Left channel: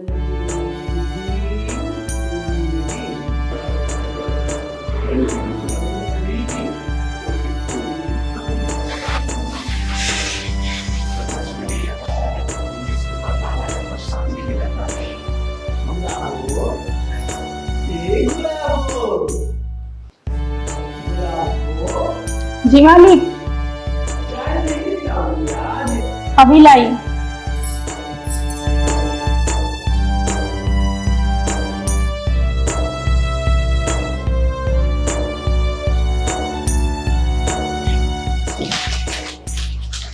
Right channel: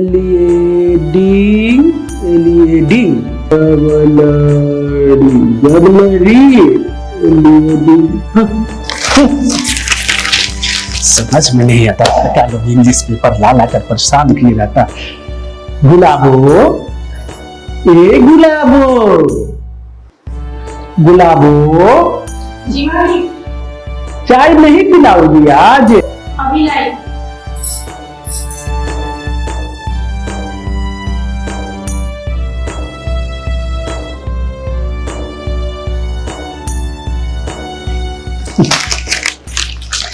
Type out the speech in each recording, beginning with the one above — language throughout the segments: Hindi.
एलिएडिंग एलिएडिंग समझ में नहीं आता क्या लोग इंग्लिश पेपर ला ला कर परेशान किए जाता। गुलाबो, ए गुलाबो, गुलाबो। जी मालिक। चाय नहीं पिलाओगी आज? अभी लाई।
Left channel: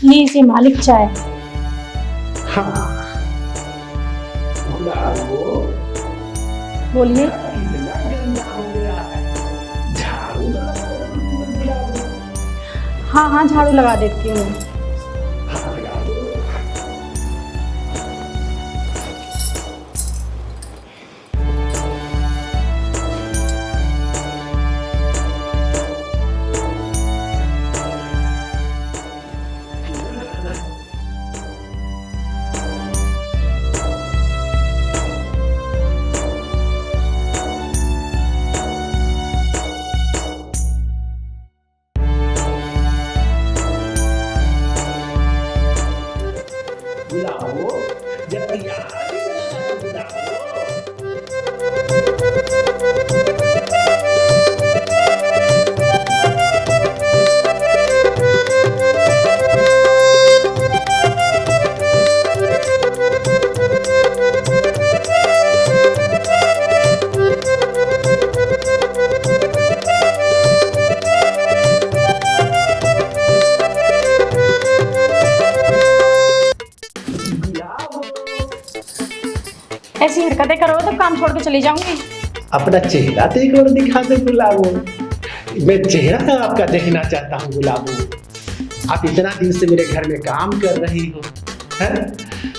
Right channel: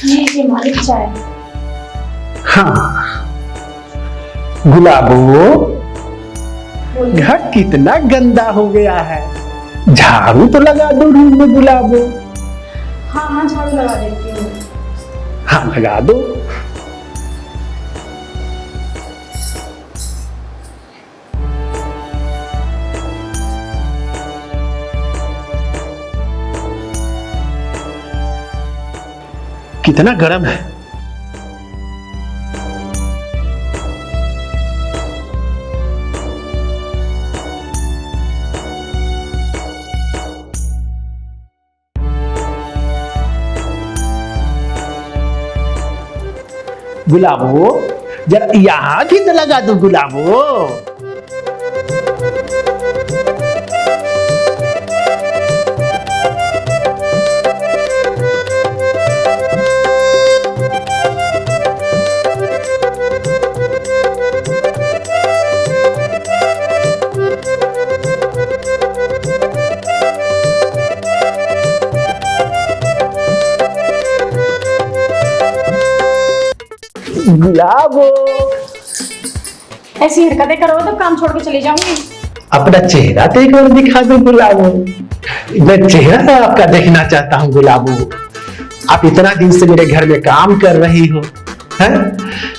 जी मालिक चाय। हाँ गुलाबो, घर कितना गंदा हो गया है, झाड़ू तो लगा दो रूम में गुलाबो। हाँ हाँ झाड़ू लगा देती हूँ। हाँ लगा दो। कितना गर्म है। गुलाबो, जरा यहाँ भी तो लगा दो गुलाबो। गुलाबो, ऐसी हरकतें करोगे तो काम छोड़ के चली जाऊंगी। अपना चेहरा देख कर दिखा दो गुलाबो। मैं चेहरा तो आपका देखना चाहता हूँ गुलाबो। आप इतना दिन से मेरे घर में काम कर रही हो, हैं?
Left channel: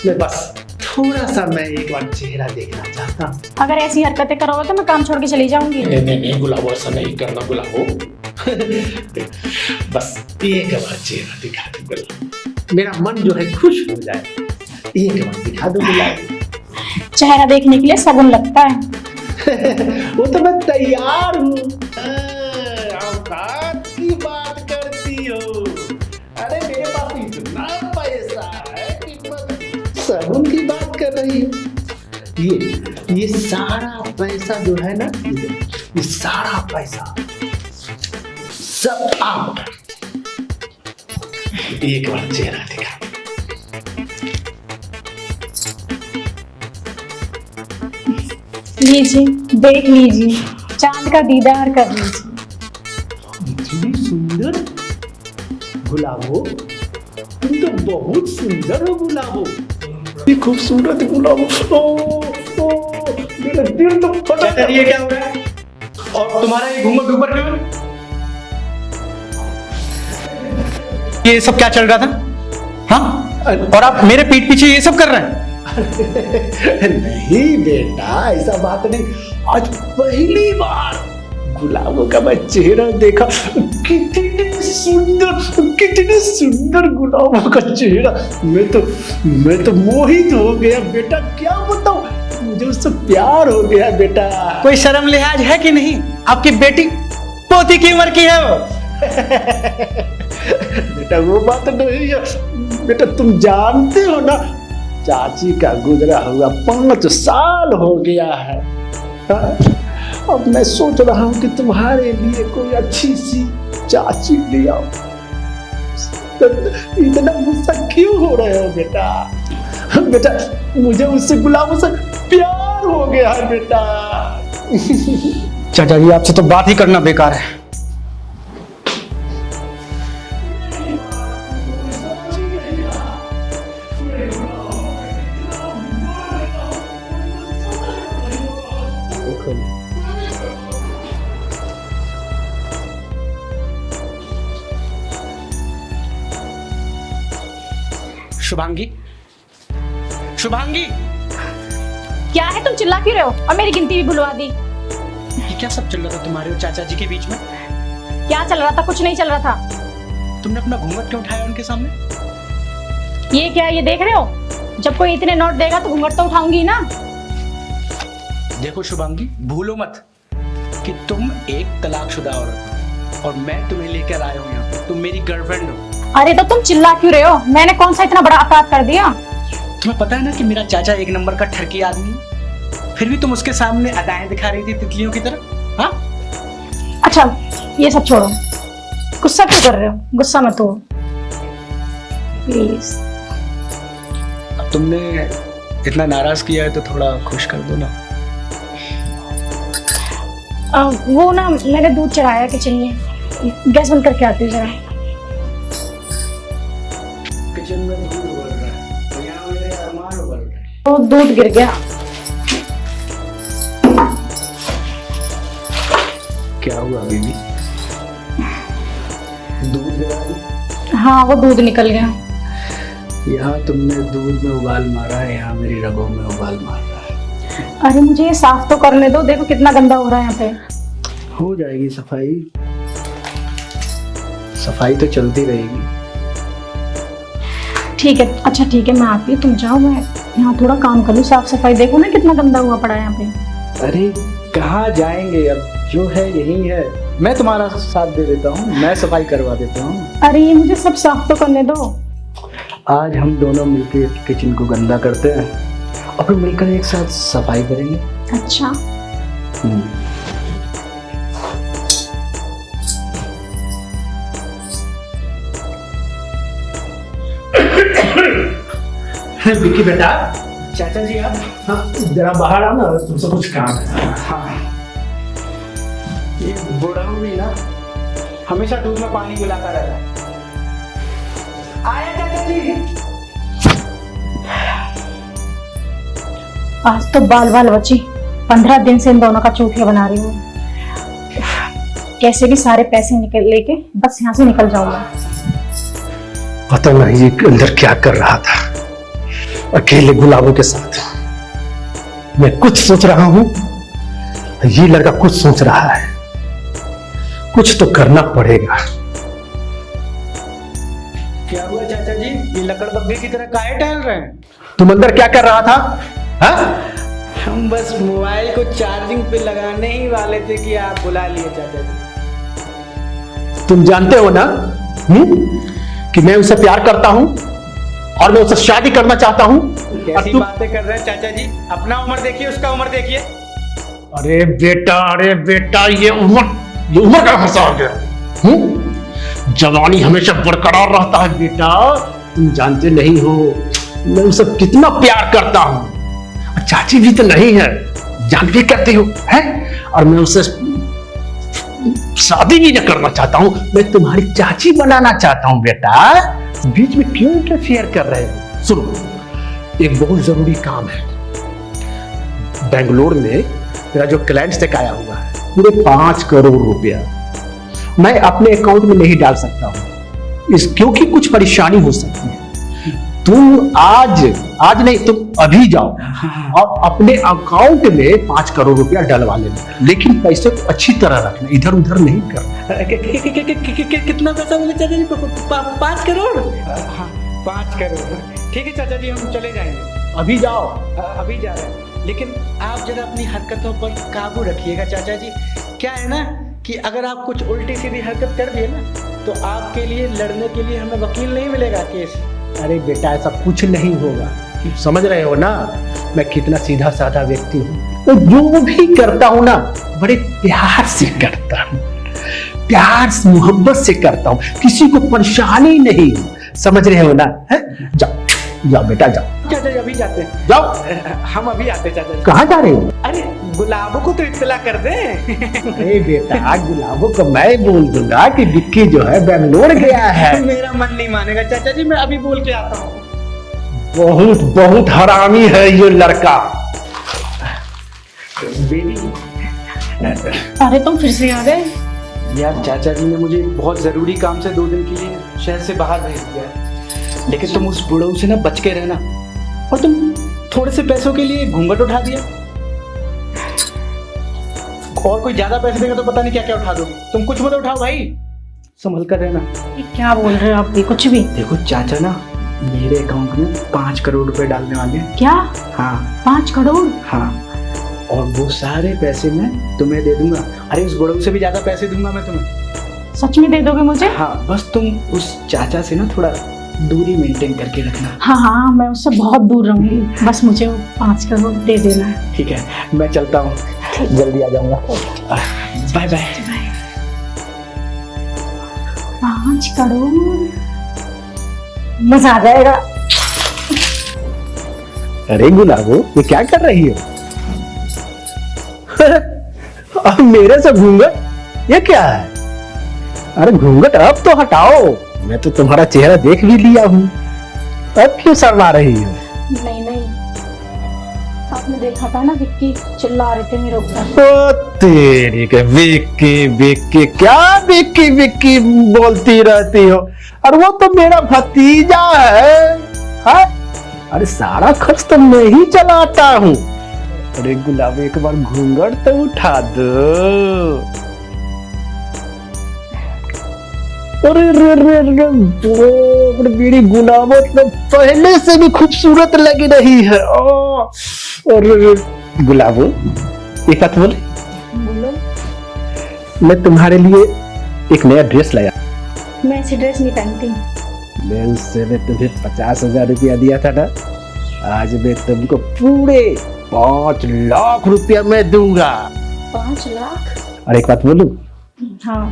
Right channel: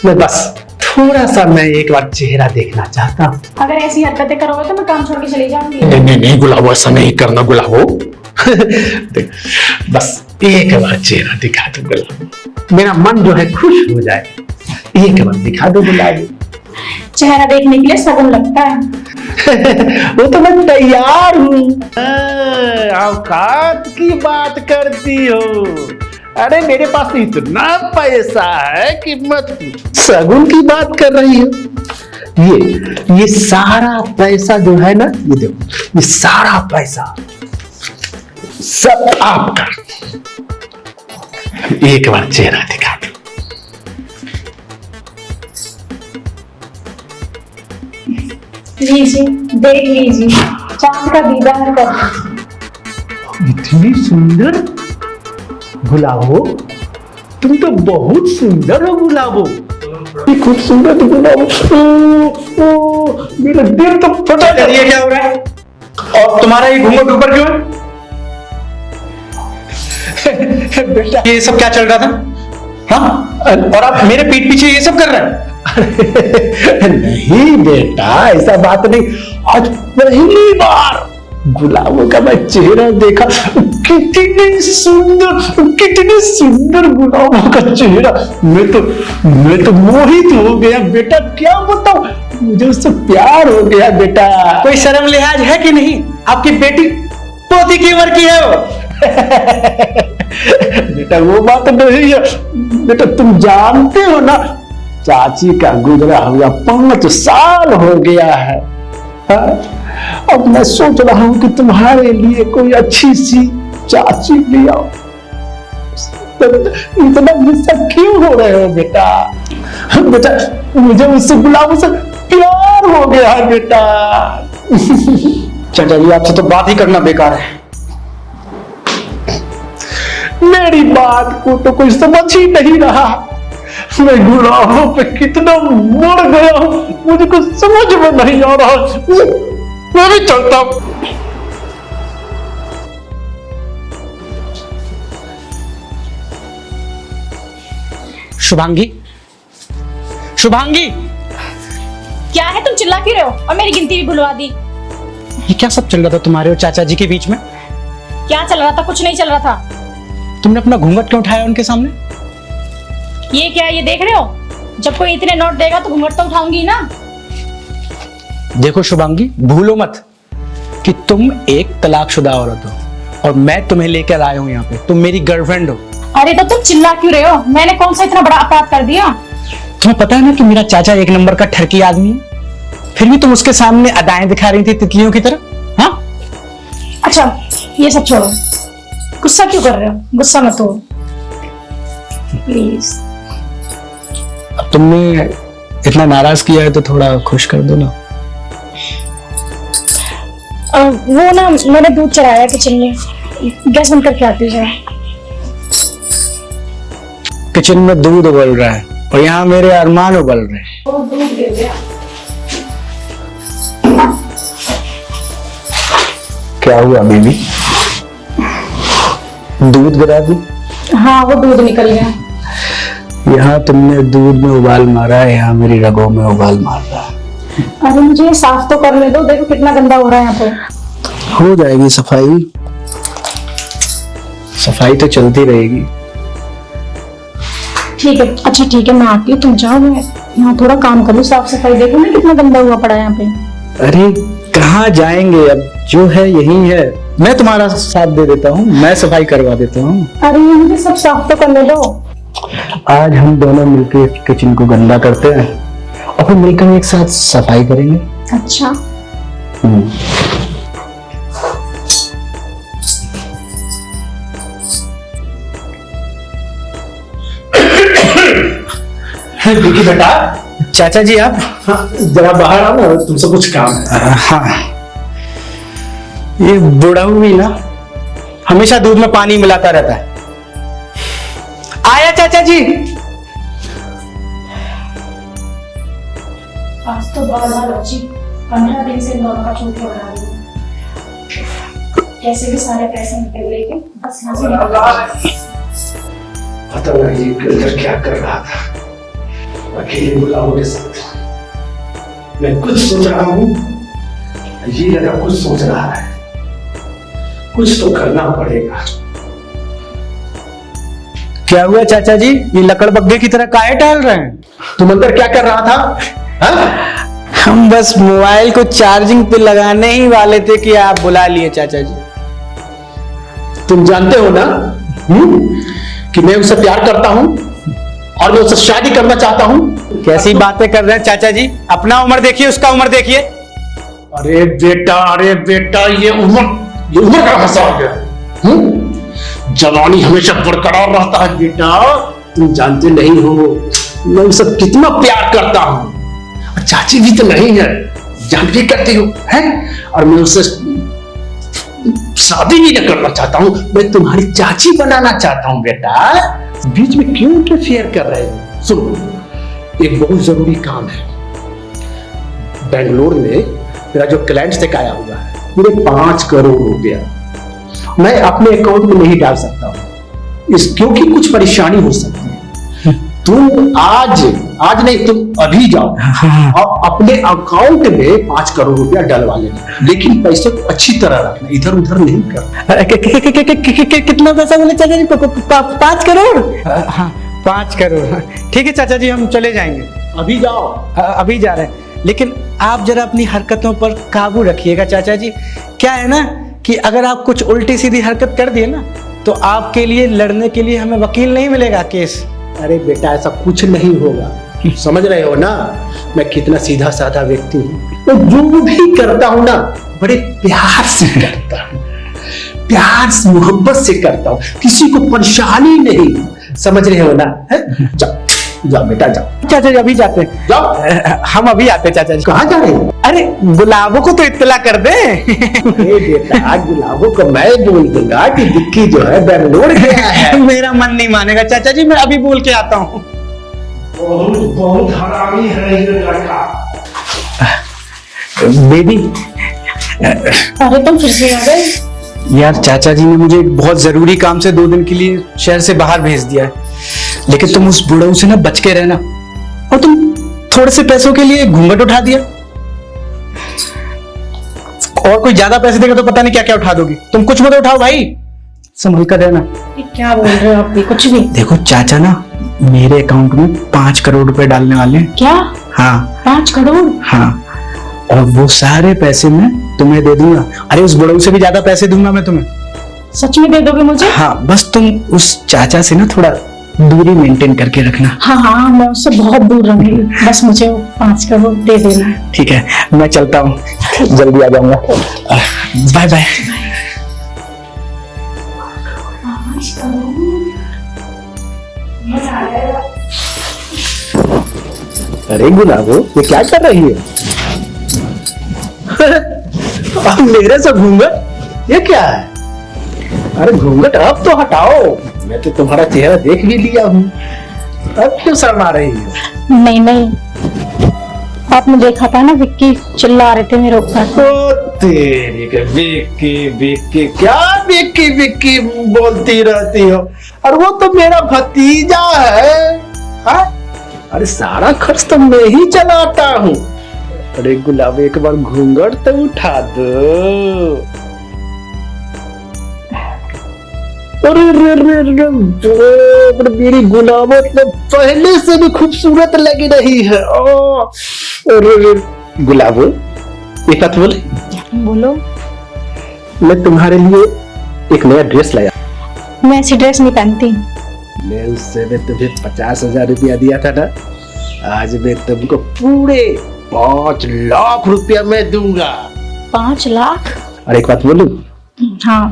मैं बस थोड़ा सा मैं एक बार चेहरा देखना चाहता हूँ। अगर ऐसी हरकतें करोगे तो मैं काम छोड़ के चली जाऊंगी। नहीं नहीं नहीं गुलाबो, ऐसा नहीं करना गुलाबो। बस एक बार चेहरा दिखा दो गुलाबो, मेरा मन जो है खुश हो जाए। एक बार दिखा दो गुलाबो। चेहरा देखने के लिए शगुन लगता है। वो तो मैं तैयार हूँ। औकात की बात करती हो। अरे मेरे पास इतना पैसा है कि मत, शगुन की बात कर रही हो। ये सारा पैसा जो है ना, ये देखो, ये सारा पैसा सब आपका। एक बार चेहरा दिखा दो। लीजिए देख लीजिए, चांद का दीदार कर लीजिए। इतनी सुंदर गुलाबो, तुम तो बहुत सुंदर हो गुलाबो। खूबसूरत गुलाबो। मेरा दिल तो फटा। ये क्या हो रहा है? और तुम्हारा ये घूंघट ऊपर क्यों है? बेटा ये सब क्या चल रहा था? हाँ, और आप मेरे पीठ पीछे ये सब कर रहे हैं? नहीं बेटा, ऐसा बात नहीं। आज पहली बार गुलाबो का मैं चेहरा देखा। कितनी सुंदर गुलाबो का चेहरा। मैं तो मोहित हो गया बेटा। क्या बताऊं, मुझे उससे प्यार हो गया बेटा। कोई शर्म लिहाज है कि नहीं? आपकी बेटी पोती की उम्र की है वो। बेटा वो बात नहीं है बेटा, तुम जानते हो ना, चाची का गुजरा हुआ 5 साल हो गया है। हाँ? अब मैं सोच रहा हूँ कि तुम्हारे लिए कोई अच्छी सी चाची ले आओ। इतना गुस्सा क्यों हो रहे हो बेटा? बेटा मुझे उससे गुलाबो से प्यार हो गया है बेटा। चाचा जी आपसे तो बात ही करना बेकार है। मेरी बात को तो कोई समझ ही नहीं रहा। मैं गुलाबो पे कितना मर गया हूँ, मुझे कुछ समझ में नहीं आ रहा। मैं भी चलता हूँ। शुभांगी, शुभांगी, क्या है, तुम चिल्ला क्यों रहे हो? और मेरी गिनती भी भुलवा दी। ये क्या सब चल रहा था तुम्हारे और चाचा जी के बीच में? क्या चल रहा था? कुछ नहीं चल रहा था। तुमने अपना घूंघट क्यों उठाया उनके सामने? ये क्या है, ये देख रहे हो? जब कोई इतने नोट देगा तो घूंघट तो उठाऊंगी ना। देखो शुभांगी, भूलो मत कि तुम एक तलाकशुदा औरत हो और मैं तुम्हें लेकर आया हूँ यहाँ पे। तुम मेरी गर्लफ्रेंड हो। अरे तो तुम चिल्ला क्यों रहे हो? मैंने कौन सा इतना बड़ा अपराध कर दिया? तुम्हें पता है ना कि मेरा चाचा एक नंबर का ठरकी आदमी है, फिर भी तुम उसके सामने अदाएं दिखा रही थी तितलियों की तरह। हाँ अच्छा ये सब छोड़ो, गुस्सा क्यों कर रहे हो? गुस्सा मत हो प्लीज। अब तुमने इतना नाराज किया है तो थोड़ा खुश कर दो ना। वो ना मैंने दूध चढ़ाया किचन में, गैस बंद करके आती हूँ जरा। किचन में दूध उबल रहा है और यहाँ मेरे अरमान उबल रहे हैं। वो दूध गिर गया। क्या हुआ बेबी? दूध गिरा दूं? हाँ वो दूध निकल गया। यहाँ तुमने दूध में उबाल मारा है, यहाँ मेरी रगों में उबाल मार रहा है। अरे मुझे ये साफ तो करने दो, देखो कितना गंदा हो रहा है यहाँ पे। हो जाएगी सफाई, सफाई तो चलती रहेगी। ठीक है, अच्छा ठीक है, मैं आती हूँ, तुम जाओ, मैं यहाँ थोड़ा काम करूँ, साफ सफाई। देखो ना कितना गंदा हुआ पड़ा है यहाँ पे। अरे कहाँ जाएंगे, अब जो है यही है। मैं तुम्हारा साथ दे देता हूँ, मैं सफाई करवा देता हूँ। अरे ये मुझे सब साफ तो करने दो। आज हम दोनों मिलकर किचन को गंदा करते हैं और फिर मिलकर एक साथ सफाई करेंगे। अच्छा विकी बेटा, चाचा जी आप? हाँ जरा बाहर आओ ना, तुमसे कुछ काम है। हाँ, ये बुढ़ाऊ भी ना हमेशा दूध में पानी मिलाता रहता है। आया चाचा जी। आज तो बाल बाल बची, 15 दिन से इन दोनों का चूतिया बना रही हूँ। कैसे भी सारे पैसे निकल लेके बस यहाँ से निकल जाऊंगी। पता नहीं ये अंदर क्या कर रहा था अकेले गुलाबों के साथ। मैं कुछ सोच रहा हूं, ये लड़का कुछ सोच रहा है। कुछ तो करना पड़ेगा। क्या हुआ चाचा जी, ये लकड़बग्घे की तरह काहे टहल रहे हैं? तुम अंदर क्या कर रहा था? हाँ? हम बस मोबाइल को चार्जिंग पे लगाने ही वाले थे कि आप बुला लिए चाचा जी। तुम जानते हो ना कि मैं उससे प्यार करता हूं और मैं उससे शादी करना चाहता हूं। कैसी बातें कर रहे हैं चाचा जी? अपना उम्र देखिए, उसका उम्र देखिए। अरे बेटा, ये उम्र का हिसाब है। जवानी हमेशा बरकरार रहता है बेटा। तुम जानते नहीं हो मैं उससे कितना प्यार करता हूं। और चाची भी तो नहीं है, जान भी करती हो है। और मैं उससे शादी भी नहीं करना चाहता हूं, मैं तुम्हारी चाची बनाना चाहता हूं बेटा। बीच में क्यों इंटरफेयर कर रहे हो? सुनो, एक बहुत जरूरी काम है। बेंगलोर में मेरा जो क्लाइंट चेक आया हुआ है, मुझे 5 करोड़ रुपया मैं अपने अकाउंट में नहीं डाल सकता हूं, क्योंकि कुछ परेशानी हो सकती है। तुम आज नहीं, तुम अभी जाओ और अपने अकाउंट में 5 करोड़ रुपया डलवा लेना, लेकिन पैसे को अच्छी तरह रखना, इधर उधर नहीं करना। कितना पैसा बोले चाचा जी? 5 करोड़? हाँ 5 करोड़। ठीक है चाचा जी, हम चले जाएंगे। अभी जाओ। अभी जा रहे हैं, लेकिन आप जरा अपनी हरकतों पर काबू रखिएगा चाचा जी। क्या है ना कि अगर आप कुछ उल्टी सीधी हरकत कर दिए ना तो आपके लिए लड़ने के लिए हमें वकील नहीं मिलेगा, केस। अरे बेटा ऐसा कुछ नहीं होगा, समझ रहे हो ना मैं कितना सीधा साधा व्यक्ति हूँ। मैं जो भी करता हूँ ना बड़े प्यार से करता हूँ, प्यार से मोहब्बत से करता हूँ, किसी को परेशानी नहीं। समझ रहे हो ना? जाओ जाओ बेटा जाओ। चाचा जी अभी जाते हैं। जाओ। हम अभी आते हैं चाचा जी। कहाँ जा रहे हो? अरे गुलाबों को तो इत्तला कर दे। अरे बेटा गुलाबों को मैं बोल दूंगा कि विक्की जो है बेंगलोर गया है। मेरा मन नहीं मानेगा चाचा जी, मैं अभी बोल के आता हूँ। बहुत हरामी है ये लड़का। बेबी। अरे तुम फिर से आ गए? यार चाचा जी ने मुझे बहुत जरूरी काम से 2 दिन के लिए शहर से बाहर भेज दिया है, लेकिन तुम उस बुढ़ऊ से ना बच के रहना। और तुम थोड़े से पैसों के लिए घूंघट उठा दिया, और कोई ज्यादा पैसे देगा तो पता नहीं क्या क्या उठा दोगी। तुम कुछ मत उठाओ भाई, संभल कर रहना। क्या बोल रहे हो आप भी? कुछ भी। देखो चाचा ना मेरे अकाउंट में 5 करोड़ रुपए डालने वाले हैं। क्या? हाँ 5 करोड़? हाँ, और वो सारे पैसे मैं तुम्हें दे दूंगा। अरे उस बड़ों से भी ज्यादा पैसे दूंगा मैं तुम्हें। सच में दे दोगे मुझे? हाँ, बस तुम उस चाचा से ना थोड़ा दूरी मेंटेन करके रखना। हाँ हाँ, मैं उससे बहुत दूर रहूंगी, बस मुझे वो 5 करोड़ दे देना। ठीक है, मैं चलता हूँ, जल्दी आ जाऊंगा। Bye bye. 5 करोड़, मजा आ जाएगा। अरे गुलाबो, ये क्या कर रही है? अब मेरे से घूंघट, ये क्या है? अरे घूंघट अब तो हटाओ, मैं तो तुम्हारा चेहरा देख भी लिया हूँ, अब क्यों शर्मा रही है? नहीं नहीं, आपने देखा था ना, विक्की चिल्ला रहे थे मेरे ऊपर। ओ तेरी के विक्की विक्की, क्या विक्की विक्की बोलती रहती हो? और वो तो मेरा भतीजा है, हाँ? अरे सारा खर्च तो मैं ही चलाता हूँ। अरे गुलाब, एक बार घूंघट तो उठा दो। अरे मेरी गुलाबो तो पहले से भी खूबसूरत लग रही है। अरे गुलाबो, एक बात बोले? बोलो। मैं तुम्हारे लिए एक नया ड्रेस लाया। मैं ऐसी ड्रेस नहीं पहनती। मैं उससे तुम्हें 50,000 रुपया दिया था ना, आज मैं तुमको पूरे 5 लाख रुपया मैं दूंगा। 5 लाख? अरे एक बात बोलूं? हाँ।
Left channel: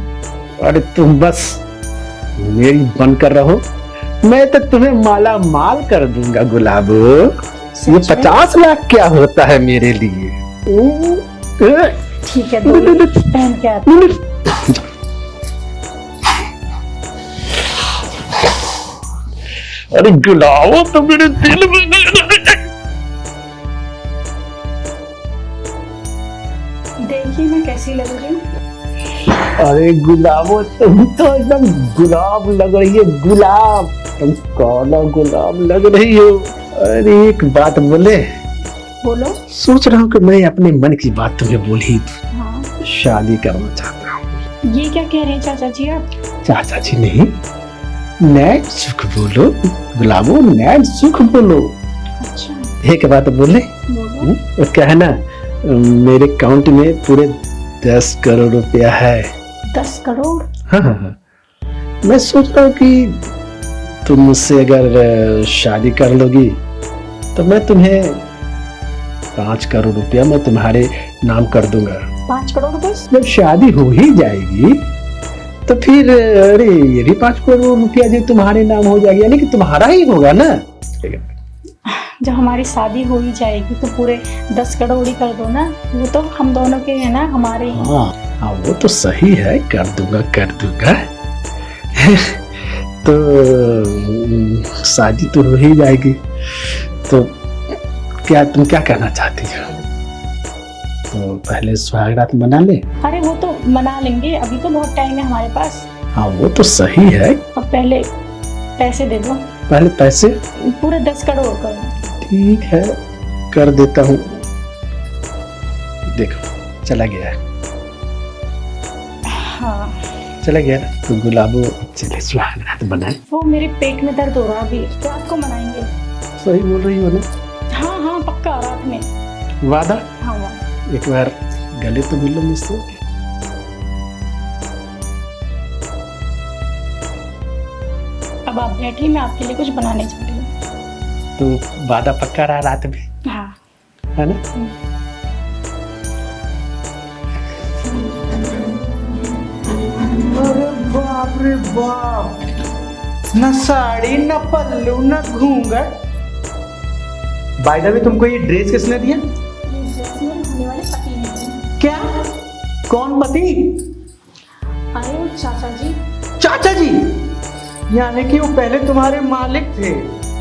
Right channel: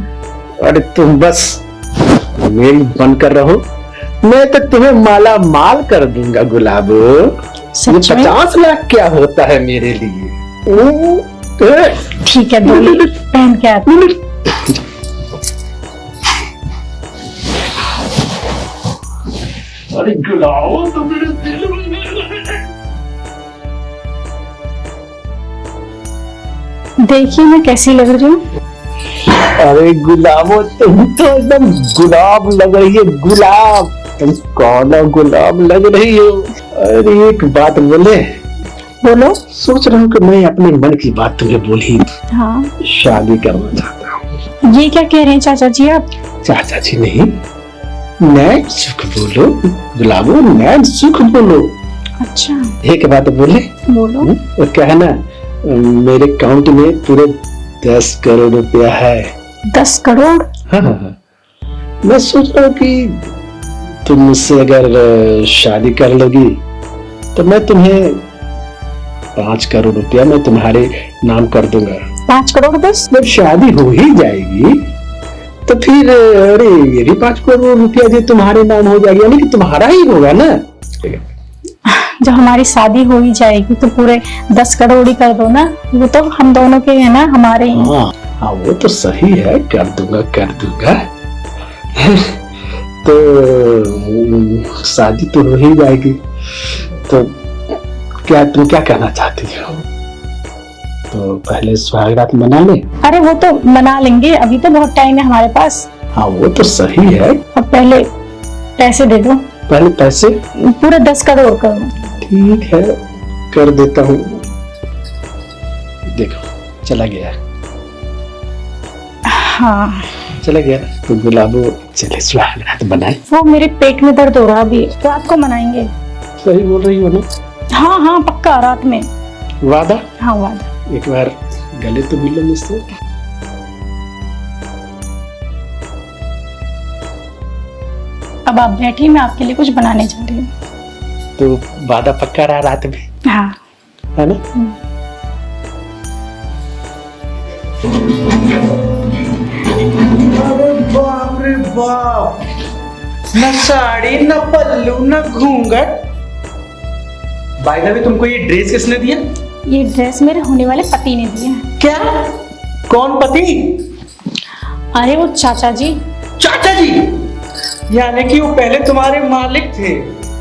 अरे तुम बस मेरी बनकर रहो, मैं तो तुम्हें माला माल कर दूंगा गुलाब। ये सच में? 50 लाख क्या होता है मेरे लिए? ठीक है, बोलो, पहन के आती। अरे गुलाब, तो मेरे दिल में देखिए मैं कैसी लग रही हूँ। अरे गुलाबो, तुम तो एकदम गुलाब लग रही है, गुलाब। तुम कौन गुलाब लग रही हो? अरे एक बात बोले? बोलो। सोच रहा हूँ कि मैं अपने मन की बात तुम्हें बोली, हाँ। शादी करना चाहता हूँ। ये क्या कह रहे हैं चाचा जी आप? चाचा जी नहीं, नैन सुख बोलो गुलाबो, नैन सुख बोलो। अच्छा। एक बात बोले? बोलो। वो क्या है ना, मेरे अकाउंट में पूरे 10 करोड़ रुपया है। 10 करोड़? हाँ हाँ हाँ। मैं सोच रहा हूँ कि तुम मुझसे अगर शादी कर लोगी तो मैं तुम्हें 5 करोड़ रुपया मैं तुम्हारे नाम कर दूंगा। 5 करोड़ बस? जब शादी हो ही जाएगी तो फिर अरे ये भी 5 करोड़ रुपया जो तुम्हारे नाम हो जाएगी, यानी कि तुम्हारा ही होगा ना। जब हमारी शादी हो ही जाएगी तो पूरे 10 करोड़ ही कर दो ना, वो तो हम दोनों के है ना, हमारे ही। हाँ हाँ, वो तो सही है, कर दूंगा कर दूंगा। तो शादी तो हो ही जाएगी, तो क्या तुम क्या कहना चाहती हो? तो पहले सुहागरात मना ले। अरे वो तो मना लेंगे, अभी तो बहुत टाइम है हमारे पास। हाँ वो तो सही है। अब पहले पैसे दे दो। पहले पैसे? पूरे 10 करोड़ कर दो। ठीक है, कर देता हूँ। देखो चला गया। हाँ चला गया। तो गुलाबो, चले सुहागरात बनाए। वो मेरे पेट में दर्द हो रहा है, अभी रात को मनाएंगे। सही बोल रही हो ना? हाँ हाँ पक्का, रात में। वादा? हाँ वादा। एक बार गले तो मिलो मुझसे। अब आप बैठिए, मैं आपके लिए कुछ बनाने जा रही हूँ। तो वादा पक्का रहा रात में, हाँ। है ना? अरे बाप रे बाप, न साड़ी न पल्लू न घूंघट। बाय द वे, तुमको ये ड्रेस किसने दिया? ये ड्रेस मेरे होने वाले पति ने दिया है। क्या? कौन पति? अरे वो चाचा जी। चाचा जी? यानी कि वो पहले तुम्हारे मालिक थे,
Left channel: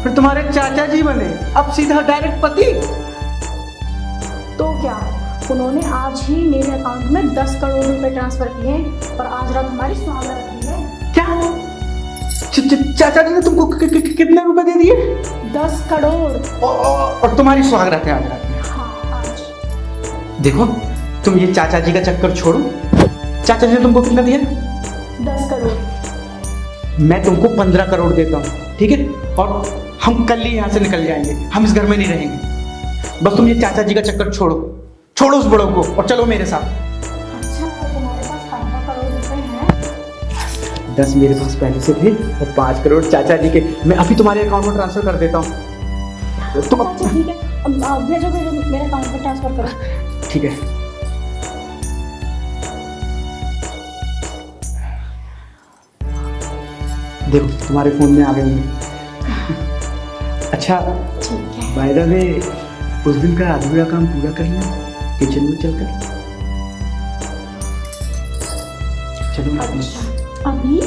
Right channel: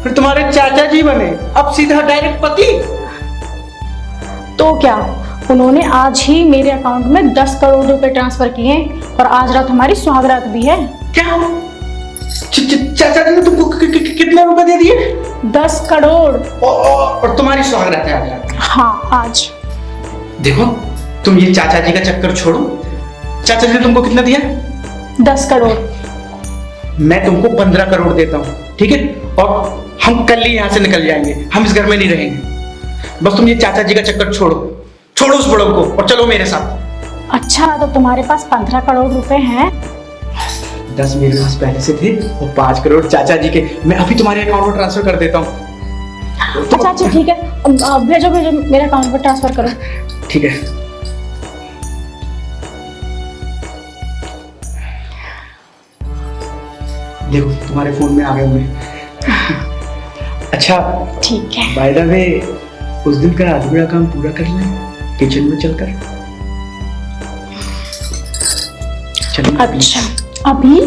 फिर तुम्हारे चाचा जी बने, अब सीधा डायरेक्ट पति? तो क्या, उन्होंने आज ही मेरे अकाउंट में 10 करोड़ रुपए ट्रांसफर किए हैं, और आज रात हमारी सुहागरात भी है। क्या? चाचा जी ने तुमको कितने रुपए दे दिए? 10 करोड़। और तुम्हारी सुहागरात है आज रात? हाँ आज। देखो, तुम ये चाचा जी का चक्कर छोड़ो। चाचा जी ने तुमको कितना दिया? 10 करोड़। मैं तुमको 15 करोड़ देता हूँ, ठीक है? और हम कल ही यहाँ से निकल जाएंगे, हम इस घर में नहीं रहेंगे। बस तुम ये चाचा जी का चक्कर छोड़ो। छोड़ो उस बुढ़ऊ को और चलो मेरे साथ। अच्छा, तो तुम्हारे पास 15 करोड़ रुपए हैं? 10 मेरे पास पहले से थे और 5 करोड़ चाचा जी के मैं अभी तुम्हारे अकाउंट में ट्रांसफर कर देता हूँ। अच्छा अच्छा ठीक है, भेजो भेजो, मेरे अकाउंट पर ट्रांसफर करो। ठीक है। देखो तुम्हारे फोन में आ गए होंगे। अच्छा ठीक है। बाय द वे, उस दिन का अधूरा काम पूरा कर लें किचन में चलकर। चलो। अच्छा अभी?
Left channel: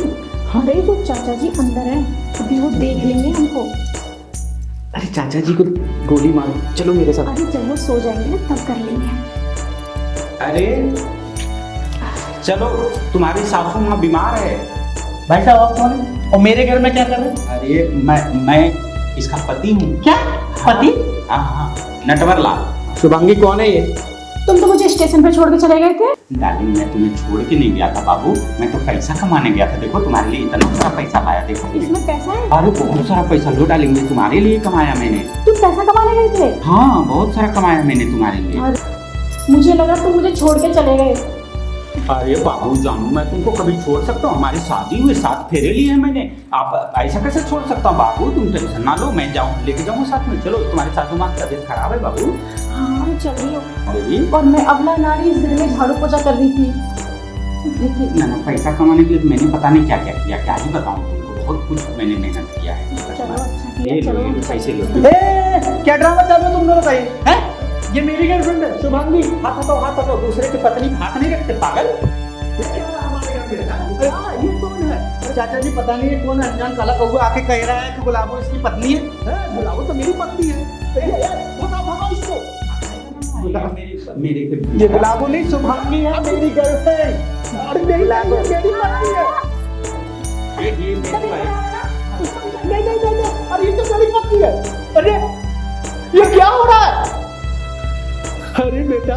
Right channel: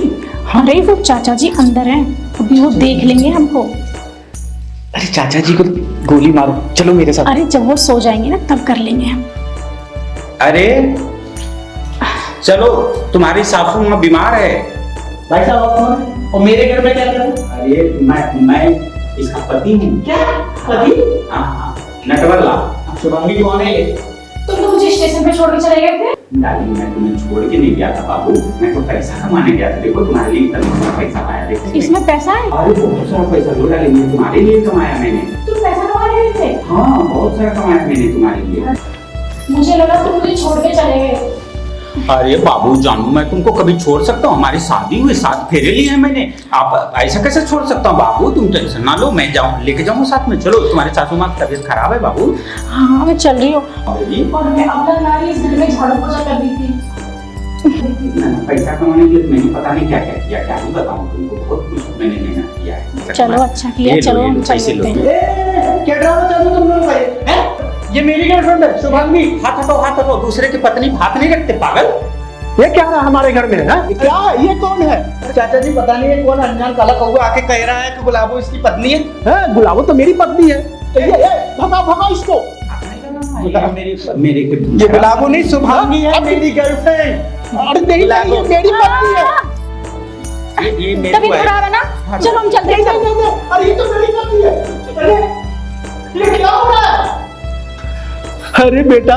अरे वो चाचा जी अंदर हैं, अभी वो देख लेंगे हमको। अरे चाचा जी को गोली मारो, चलो मेरे साथ। अरे जब वो सो जाएंगे ना तब कर लेंगे हम। अरे चलो, तुम्हारी सासू माँ बीमार है। भाई साहब आप कौन? और मेरे घर में क्या कर रहे हो? अरे मैं इसका पति हूँ। क्या पति? हाँ हाँ, नटवरला। शुभांगी कौन है ये? तुम तो मुझे स्टेशन पे छोड़ के चले गए थे। डार्लिंग, मैं तुम्हें छोड़ के नहीं गया था बाबू, मैं तो पैसा कमाने गया था। देखो तुम्हारे लिए इतना सारा पैसा आया, देखो इसमें पैसा है? अरे बहुत सारा पैसा लो डार्लिंग, मैं तुम्हारे लिए कमाया मैंने। तुम पैसा कमाने गए थे? हाँ बहुत सारा कमाया मैंने तुम्हारे लिए। मुझे लगा तुम मुझे छोड़ के चले गए। अरे बाबू जानू, मैं तुमको कभी छोड़ सकता हूँ? हमारी शादी हुई, 7 फेरे लिए हैं मैंने। आप ऐसा कैसे छोड़ सकता हूँ बाबू? तुम टेंशन ना लो, मैं जाऊँ लेके जाऊँगा साथ में। चलो, तुम्हारे सासू माँ की तबीयत खराब है बाबू। हाँ मैं चल रही हूँ, अरे और मैं अबला नारी इस घर में झाड़ू पोछा कर रही थी। मैंने पैसा कमाने के लिए मैंने पता नहीं क्या क्या किया, क्या ही बताऊँ तुमको। बहुत कुछ मैंने मेहनत किया है। चलो अच्छा किया, चलो हम पैसे लो। चलते हैं। क्या ड्रामा चालू तुम लोग भाई? हैं? ये मेरी गर्लफ्रेंड है शुभांगी। हाथ हटाओ, हाथ हटाओ। दूसरे की पत्नी पे हाथ नहीं रखते पागल। ये क्या रहा हमारे घर में? है क्या? ये कौन है? चाचा जी पता नहीं है कौन अनजान काला कौवा आके कह रहा है कि गुलाबो इसकी पत्नी है। है गुलाबो तो मेरी पत्नी है। तो ये भगाओ भगाओ इसको। मेरे ये गुलाबो नहीं, शुभांगी है मेरी गर्लफ्रेंड। अरे नहीं, ये मेरी पत्नी है। ये मेरे तभी को है। खराब है ना, चलो हम चलते हैं। अरे ये तो मेरी पत्नी है। अरे ये क्या हो रहा है? अरे बेटा,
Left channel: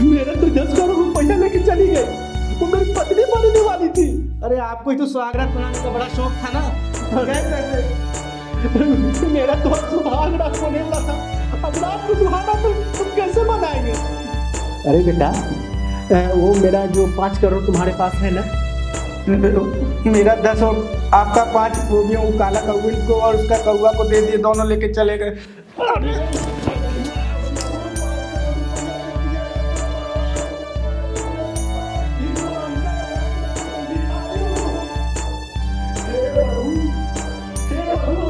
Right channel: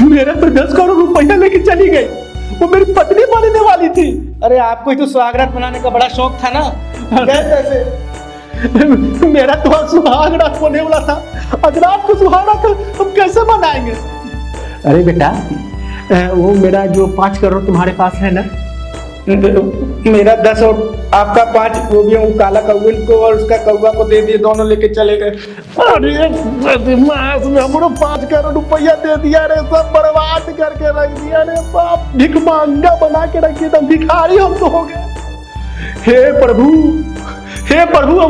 मेरा तो 10 करोड़ रुपया लेके चली गई, वो मेरी पत्नी बनने वाली थी। अरे आपको ही तो सुहागरात बनाने का बड़ा शौक था ना, गए कैसे? मेरा तो सुहागरात होने वाला था। अगर आपको सुहागरात हम कैसे मनाएंगे? अरे बेटा, वो मेरा जो 5 करोड़ तुम्हारे पास है ना, मेरा 10 और आपका 5, वो भी वो काला कौवे को और उसका कौवा को दे दिए, दोनों लेके चले गए। अरे हमको 5 करोड़ रुपया दे दिया रे, सब बर्बाद करके रख दिया रे बाप। भिख मांगा बना के रख दिया, भिखारी हम तो हो गए। हे प्रभु, हे प्रभु।